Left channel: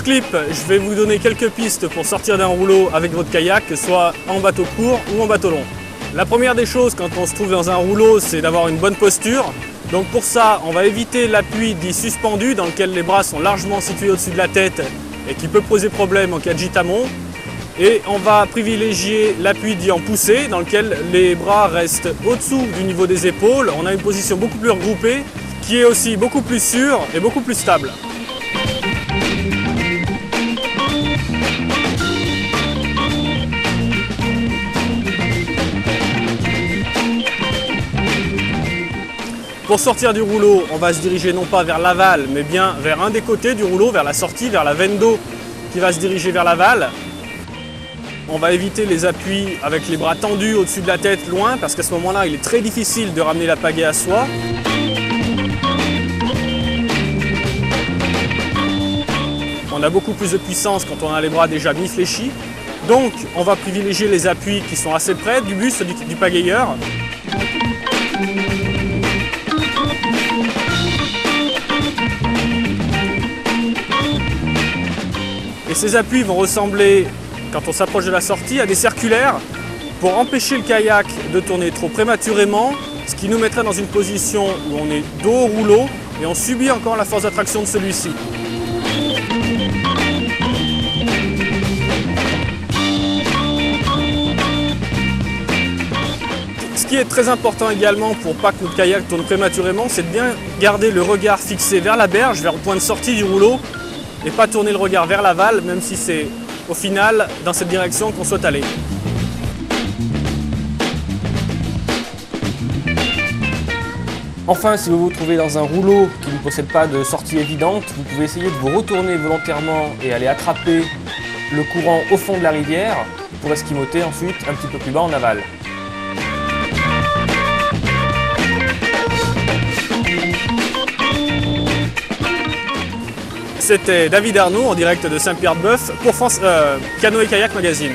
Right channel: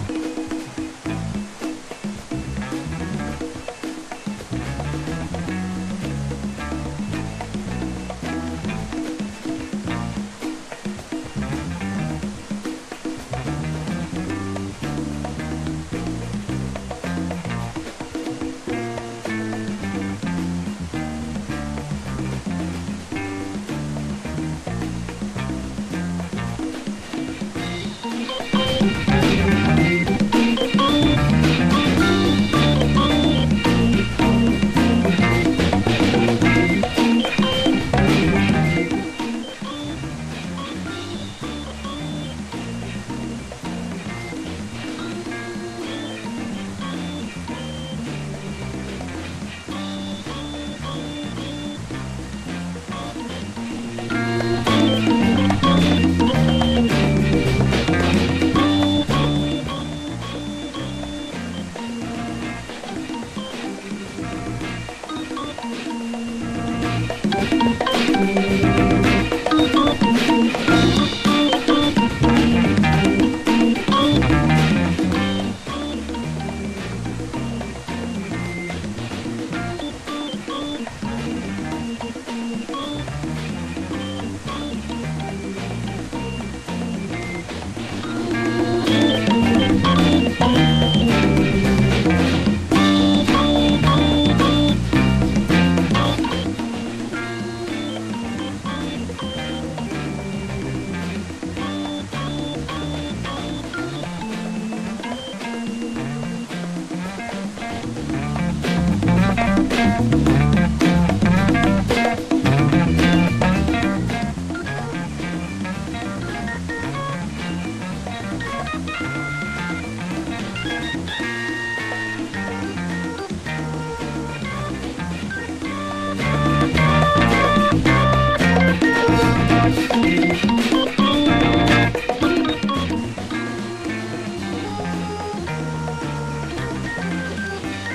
ce clip, je vais vous donner quelques pistes pour sortir d'un rouleau avec votre kayak, que ce soit en bateau court ou en bateau long. La première des choses quand on se trouve dans un rouleau, c'est d'avoir une bonne posture. Donc pour ça, on va éviter l'appui dit suspendu, dans lequel les bras sont largement situés au-dessus de la tête et qui peut poser problème en cas de gitamon. Et on va privilégier l'appui dit en poussée, dans lequel les bras restent au-dessous du niveau des épaules. On a une position beaucoup plus regroupée, qui est aussi beaucoup plus sûre et beaucoup plus stable. Pour sortir du rouleau, on va se diriger non pas vers l'aval, mais bien vers un des côtés du rouleau, vers la sortie, vers la veine d'eau qui va se diriger vers l'aval. On va éviter les appuis avec les bras tendus au-dessus de la tête, loin, parce qu'à ce moment-là, il est très difficile de ramener la pagaie à soi. On a beaucoup plus de puissance quand on a les bras déjà mi-fléchis. Donc, on va privilégier les appuis qui sont assez près du buste du pagayeur. Et ces appuis vont ressembler, quand on s'approche de la sortie, à des circulaires pour empêcher le kayak de tourner trop prématurément, ce qui nous mettrait dans une position où on est dos au rouleau et on subit encore la force d'attraction de celui-ci. Ce qui est très important également pour pas que notre kayak tourne prématurément, c'est de bien garder le regard fixé vers la berge, vers le point de sortie du rouleau, et pas tourner le regard vers l'aval, même si c'est au final dans cette direction qu'on souhaite aller. Enfin, si vous vous trouvez dans un rouleau qui ne possède pas de sortie évidente, vous pouvez essayer de vous retourner volontairement et aller attraper le courant au fond de la rivière pour esquimoter ensuite un petit peu plus bas en aval. C'était David Arnaud en direct de Saint-Pierre-de-Bœuf pour Canoë Kayak Magazine.